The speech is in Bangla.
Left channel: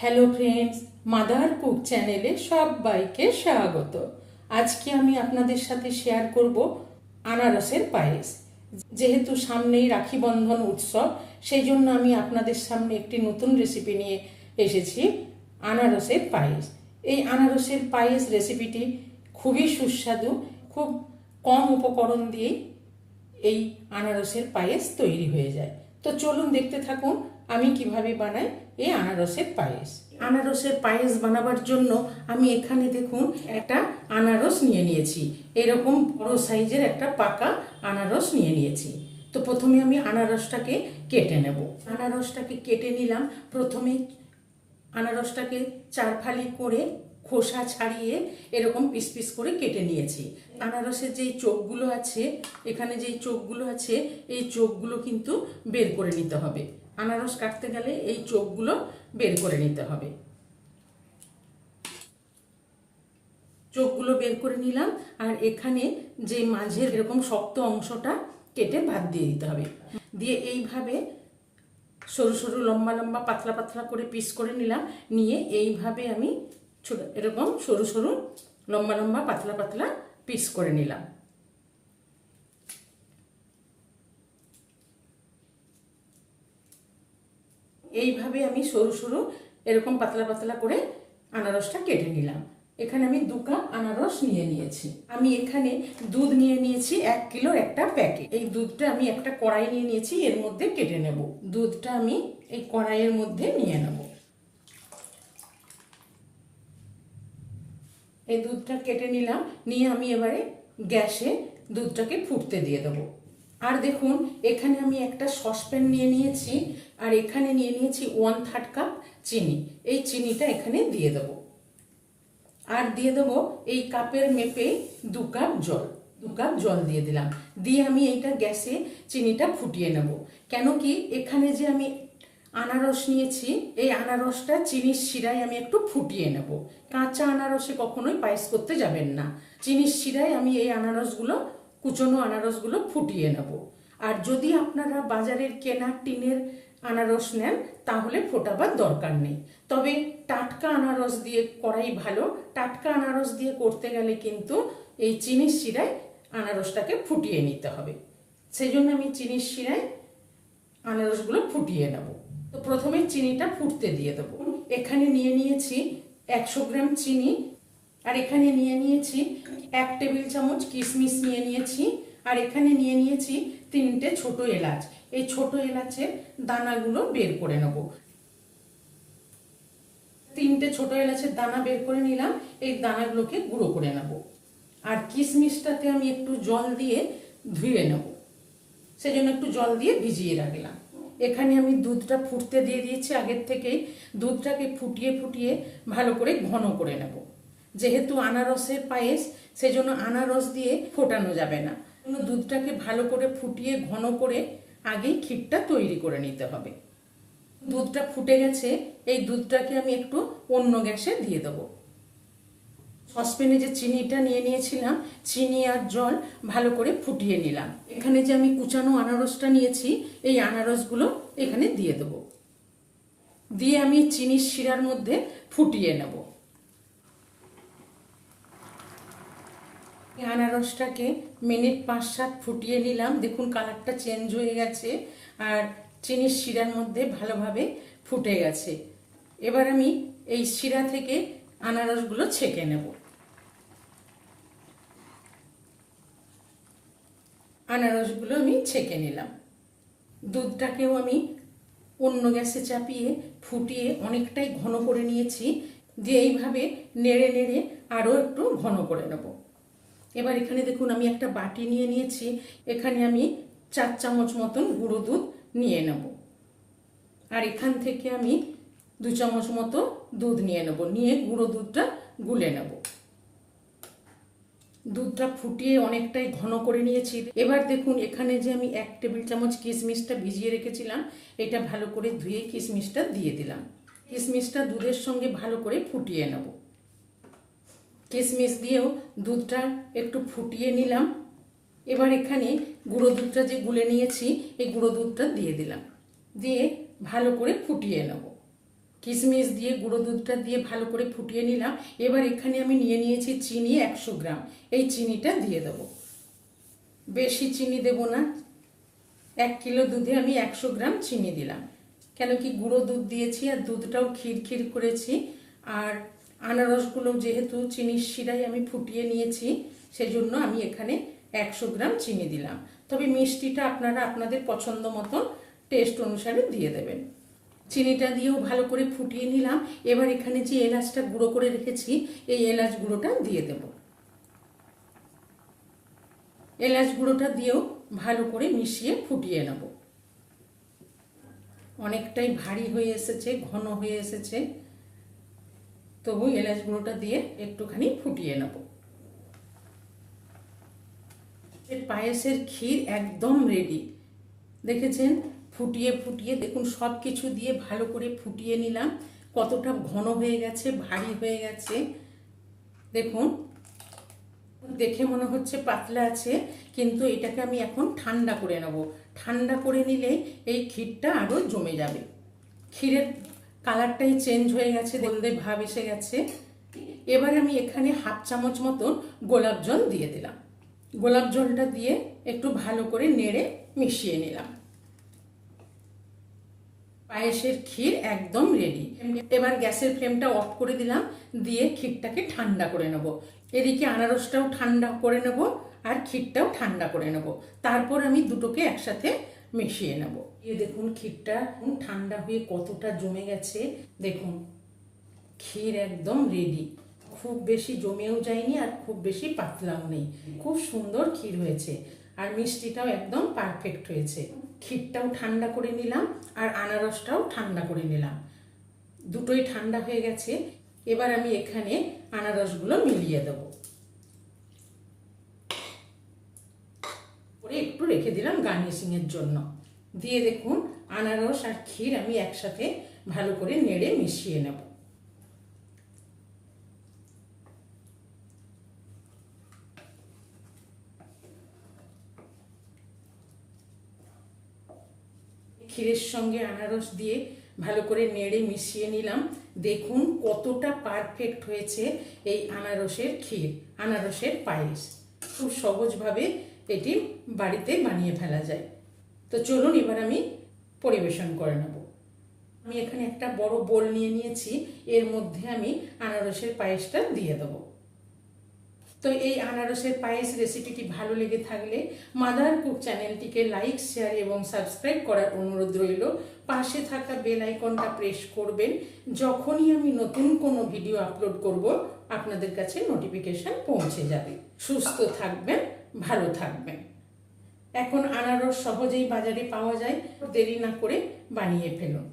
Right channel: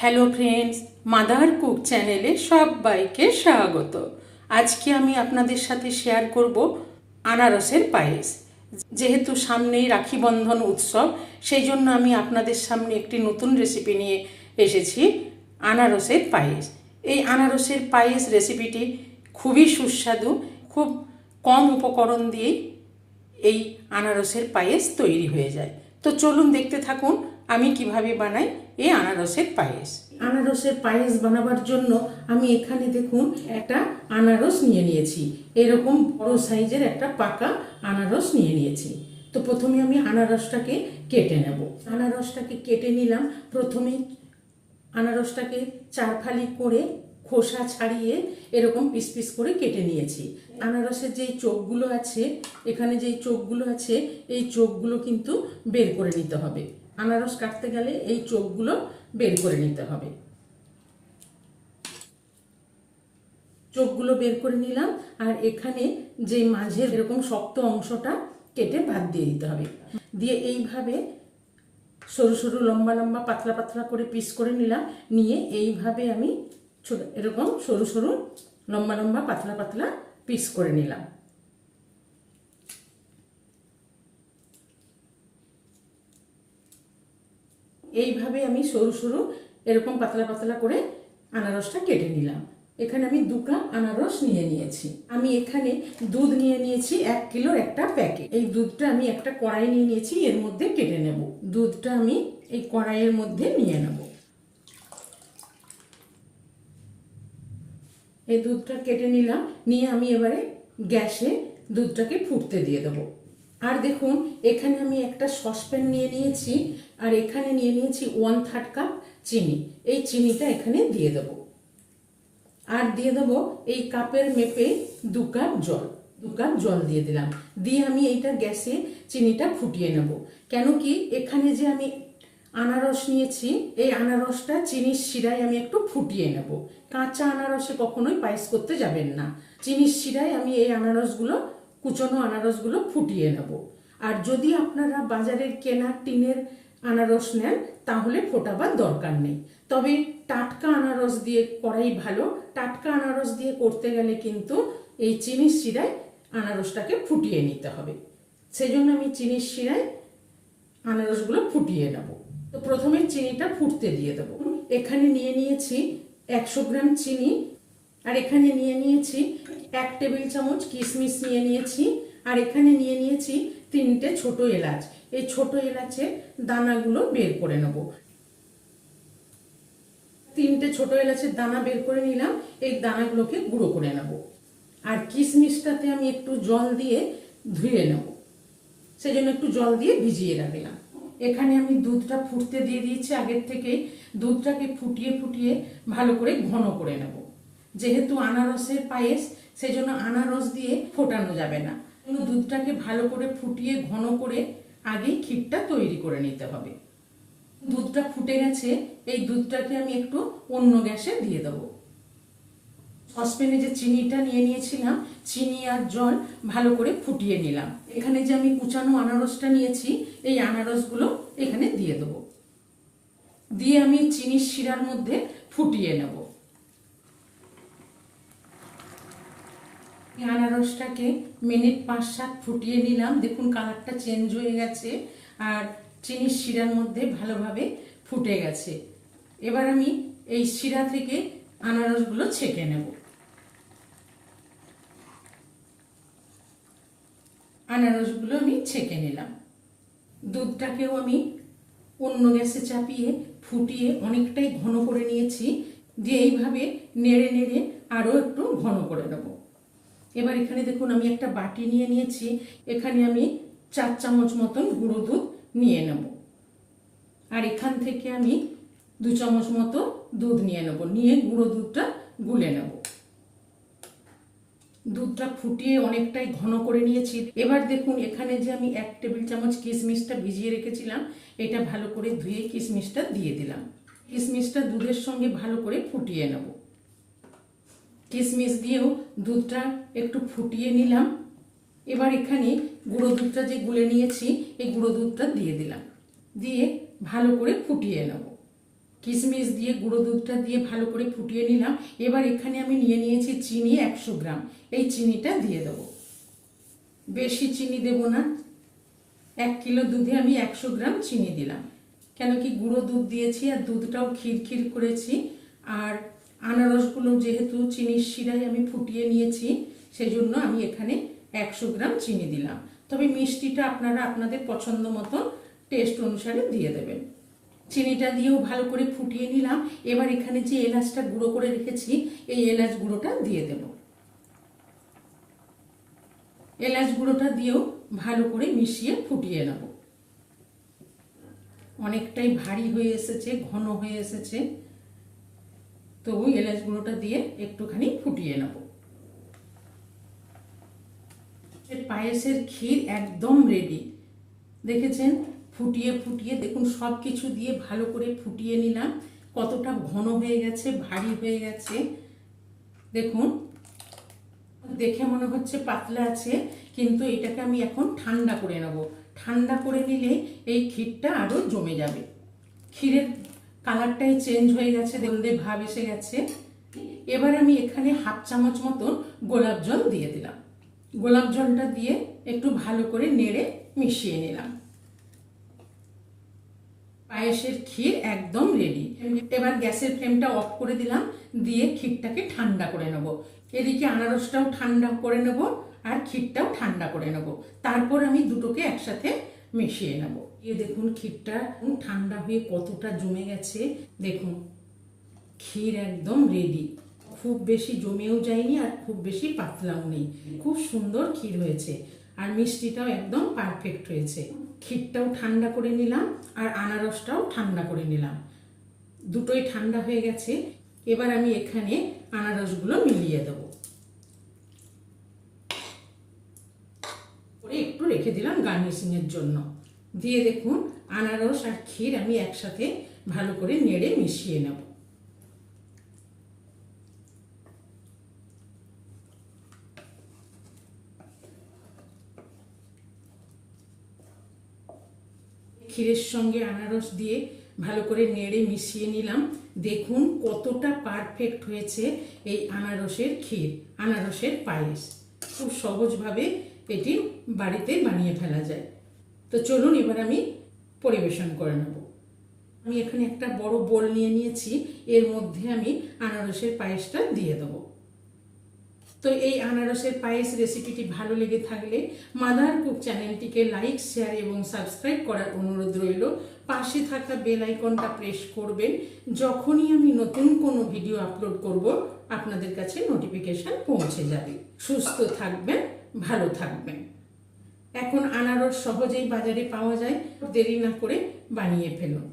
হ্যালো ফ্রেন্ডস, মাদার কুক চ্যানেলে সবাইকে স্বাগত। আজকে আমি আপনাদের সাথে শেয়ার করব আনারসের পায়েস। যেহেতু সামনেই রাখি বন্ধন উৎসব, সেই জন্য আমি আপনাদের সামনে একটি নতুন রেসিপি নিয়ে এসেছি, আনারসের পায়েস। এই আনারসের পায়েস রেসিপিটি খুবই সুস্বাদু। খুব কম উপকরণ দিয়েই এই আনারসের পায়েস তৈরি হয়ে যায়। তো চলুন দেখতে থাকুন আমি কিভাবে বানাই এই আনারসের পায়েস। আনারসের পায়েস বানাবার জন্য আমি এখানে দেখুন একটা আনারস নিয়ে নিয়েছি। এরকম বড় সাইজের একটা পাকা আনারস নিয়ে নিয়েছি। তো প্রথমে আমি আনারসটাকে কেটে নেব। আনারসটাকে কেটে নিলাম। প্রথমে আনারসটাকে চার ফালি করে খোসা ছাড়িয়ে এরকম পিস পিস করে কেটে নিয়েছি। আনারসের যেই চোখগুলো আছে, এখানে যেই চোখগুলো আছে, এই চোখগুলো কিন্তু বের করে নিতে হবে। আনারস কাটতে গেলে এই চোখগুলো বের করে নিতে হবে। চোখগুলো বের করে নিলাম। আর এখানে যে মাঝের এরকম শক্ত অংশটা কেটে বাদ দিয়ে দিতে হবে। দিয়ে এইভাবে সরু সরু লম্বা লম্বা পাতলা পাতলা করে পিস করে নিলাম। নিয়ে এইভাবে আমি এরকম সরু সরু লম্বা লম্বা পাতলা পাতলা পিস করে নিলাম। এইভাবে আমি সরু সরু এরকম পাতলা পাতলা করে আনারসটা কেটে নিলাম। এখানে আমি 2 কাপ আনারস নিয়ে নিয়েছি। আমি এখানে দুধ নিয়ে নিয়েছি 1 কিলোর একটা প্যাকেট। এই দুধটা আমি একটা কড়াই নিয়ে নিয়েছি, এর মধ্যে কেটে নেব। দুধটা আমি এই কড়াইয়ের মধ্যে নিয়ে নেব। এই দুধটা কেটে নিলাম। নিয়ে আমি এবারে গ্যাসে দুধটাকে ফুটতে দিয়ে দেবো। আর দেখুন এখানে আমি একটা সসপ্যান নিয়ে নিয়েছি। আর এখানে নিয়ে নিয়েছি 1/3 কাপ চিনি। এই চিনিটা এখানে দিয়ে দেবো। আর দিয়ে দেবো এই কাপের মেপে 2 কাপ জল। 2 কাপ জল দিয়ে দিলাম। দিয়ে আমি এইটা গ্যাসে চিনিটা ফুটিয়ে নেব। কেন কি এখানে যে আমি আনারস নিয়েছি, এই আনারসটা চিনির শিরায় আমি একটু ফুটিয়ে নেব। কাঁচা আনারসে কখনোই পায়েস করতে যাবেন না। চিনির শিরায় আমি এই আনারসগুলো, কুচনো আনারসগুলো ফুটিয়ে নেব। আর যদি আপনারা বাজারের কেনা টিনের আনারস নেন তাহলে ফোটাবার দরকার নেই। তবে টাটকা আনারস দিয়ে করাই ভালো। টাটকা আনারস দিয়ে করতে গেলে কিন্তু এই চিনির শিরায় আনারসটাকে ফুটিয়ে নিতে হবে। সেই জন্য আমি চিনির শিরায় আনারসগুলো ফুটিয়ে নেব। তো প্রথমে চিনিটা ফুটতে দিয়ে দেবো। এখানে নিয়ে নিয়েছি 100 গ্রাম চিনি। আর এখানে নিয়ে নিয়েছি 1 টেবিল চামচ কিশমিশ নিয়ে নিয়েছি। আর এখানে নিয়ে নিয়েছি 3টে ছোট এলাচ। এই ছোট এলাচের দানাগুলো বের করে নেব। 3টে ছোট এলাচের দানা বের করে নিলাম। এই দানাগুলোকে গুঁড়ো করে নেব। আর কিশমিশটাতে আমি একটু জল দিয়ে ধুয়ে নেব। সেজন্য একটু জল দিয়ে ভিজিয়ে রাখলাম। এখানে আমি দুধটা ফুটতে দিয়ে দিয়েছি আগের থেকেই। দুধটাকে ফুটিয়ে ফুটিয়ে ভালো করে ঘন করে নেব। যেহেতু আনারসের পায়েস, সেজন্য আনারস দিয়ে ফোটানো যাবে না। দুধটাকে ভালো করে ফুটিয়ে ঘন করে আগেই ক্ষীরটা তৈরি করে নিতে হবে। দুধটা ফুটে গেছে। এই দুধটাকে আমি একটু অন্য গ্যাসে দিয়ে দেবো। সসপ্যানে যে চিনিটা নিয়ে নিয়েছিলাম, চিনি আর জল ভালো করে ফুটিয়ে নিলাম। এখানে যে আমি কুচানো আনারসটা নিয়েছি, এই আনারসগুলো এখানে দিয়ে দেবো। দিয়ে আমি চিনির শিরার মধ্যে ফুটিয়ে নেব। আনারসটাকে মিনিট 5-7 ফুটিয়ে নিলাম। দেখুন কালারটা চেঞ্জ হয়ে গেছে আর চিনির শিরার মধ্যে ভালোভাবে ফুটে গেছে। এবার আমি এই শিরা থেকে আনারসগুলো ছেঁকে নেব। আনারসগুলো আমি ছেঁকে নিলাম। দুধটাকেও আমি অন্য গ্যাসে চাপিয়ে ফুটিয়ে অনেকটাই ঘন করে নিয়েছি। দিয়ে এইভাবে নেড়ে নেড়ে আরও একটু ঘন করে নেব। এবার এখানে দেখুন আমি একটা বাটি নিয়ে নিয়েছি। এখানে আমি 4 চামচ মতন গুঁড়ো দুধ নিয়ে নেব। আর এখান থেকে আমি 2 চামচ মতো দুধ নিয়ে নেব। নিয়ে গুঁড়ো দুধটা গুলে নেব। দুধটা ফুটিয়ে অনেকটাই ঘন করে নিয়েছি। এবার দেখুন এখানে যে আমি 1 টেবিল চামচ কিশমিশটা ভিজিয়ে রেখেছিলাম, এটা ভালো করে ধুয়ে কিশমিশটা দিয়ে দিলাম। কিশমিশটা দুধের সঙ্গে ভালো করে ফুটিয়ে নেব। কিশমিশ দিয়েও দুধটা একটু ফুটিয়ে নিলাম। এবার এখানে গুঁড়ো দুধটা যে গুলে নিয়েছি, এই গুঁড়ো দুধটা দিয়ে দিলাম। দিয়ে ভালো করে ফুটিয়ে নেব। কিশমিশ দিয়ে গুঁড়ো দুধটা দিয়ে ভালো করে ফুটিয়ে নিলাম। এবার এখানে আমি নিয়ে নিয়েছি চিনি 100 গ্রাম। এই চিনিটা দিয়ে দেবো, বেশি চিনি দেব না। 1 কিলো দুধে আমি 100 গ্রাম চিনি দিলাম, কেন কি গুঁড়ো দুধ দিয়েছি আর দুধটাও ক্ষীর ক্ষীর করেছি। আর আনারসগুলো যেহেতু চিনির শিরায় আমি ফুটিয়ে নিয়েছি, সেই জন্য আমি এখানে 100 গ্রাম চিনি দিলাম। তবে মিষ্টিটা আপনারা আপনাদের পছন্দ মতো টেস্ট অনুসারে দিয়ে দেবেন। চিনিটা দিয়েও ভালো করে ফুটিয়ে নিলাম। এবার এখানে যে এলাচটা গুঁড়ো করে রেখেছি, এই এলাচ গুঁড়োটা দিয়ে দেব। এলাচ গুঁড়োটা দিয়েও ভালো করে মিশিয়ে ফুটিয়ে নেব। অনেকটাই ভারী হয়ে এসেছে, ঘন হয়ে এসেছে, তবু এলাচ গুঁড়োটা দিয়ে একটুখানি ফুটিয়ে নেব। পায়েসের ক্ষীর একদম রেডি। দেখেছেন, ফুটিয়ে ফুটিয়ে দেখুন সব কিছু দিয়ে ভালো করে ফুটিয়ে নিলাম। কতটা ঘন হয়ে গেছে, ভারী হয়ে গেছে দেখুন। দেখে মনে হচ্ছে পাতলা আছে, কিন্তু এটাকে আমি এখন ঠান্ডা করে নেব। ঠান্ডা করে নিলে এই ক্ষীরটা আরও জমে যাবে। ক্ষীরের কালারটাই চেঞ্জ হয়ে গেছে, হলদে ভাব এসে গেছে। এবার আমি এখানে 1/2 চামচ মতন গোলাপ জল দিয়ে দিলাম। গোলাপ জলটা দিয়ে একটু ভালো করে নেড়ে মিশিয়ে নিলাম। পায়েসের ক্ষীর একদম রেডি। এবার গ্যাসের ফ্লেমটা অফ করে দিলাম, দিয়ে ক্ষীরটাকে ঠান্ডা করে নেব। এদিকে আনারসটাও ঠান্ডা করে নেব আর ক্ষীরটাও ঠান্ডা করে নেব। তারপর আমি দুটোকে একসাথে মিশিয়ে নেব। এই দেখুন ক্ষীরটা ঠান্ডা হয়ে কতটা জমে গেছে। দেখুন ক্ষীর একদম রেডি, খুব বেশি জমেও যায়নি আর খুব বেশি পাতলাও নেই। খুব সুন্দর ক্ষীর হয়েছে আর মিষ্টিটাও একদম পারফেক্ট হয়েছে। ক্ষীরটাও ঠান্ডা করে নিলাম আর আনারসটাও ঠান্ডা করে নিলাম, দুটোই ঠান্ডা হয়ে গেছে। এবার আমি এখানে আনারসগুলো মিলিয়ে দেব, একটু রেখে দিলাম গার্নিশিং এর জন্য। দিয়ে দেখুন আনারস আর ক্ষীর আমি একসাথে ভালো করে নেড়ে মিশিয়ে নেব। ক্ষীরের সঙ্গে আনারস দিয়ে ভালো করে নেড়ে মিশিয়ে নিলাম। দেখুন কতটা পারফেক্ট হয়েছে এই আনারসের ক্ষীর, আনারসের পায়েস। খুব সহজভাবে এটি বাড়িতে বানিয়ে ফেলা যায়। তো চলুন এবার আমি পরিবেশন করে নেব। আমি এখানে একটা বড় বোল নিয়ে নিয়েছি, এর মধ্যে আমি আনারসের পায়েসটা দিয়ে দেবো। তো এই আনারসের পায়েস রেসিপিটি ভালো লেগে থাকলে মাদার কুক চ্যানেলটিকে লাইক, শেয়ার এবং সাবস্ক্রাইব করার অনুরোধ রইল। পাশে থাকা বেল আইকনটা প্রেস করবেন, যখনই আমি নতুন কোনো ভিডিও আপলোড করব আপনাদের কাছে নোটিফিকেশন পৌঁছে যাবে। সুস্থ থাকবেন, ভালো থাকবেন। এখন আনারস সহজেই বাজারে পাওয়া যায়, দেরি না করে বানিয়ে ফেলুন।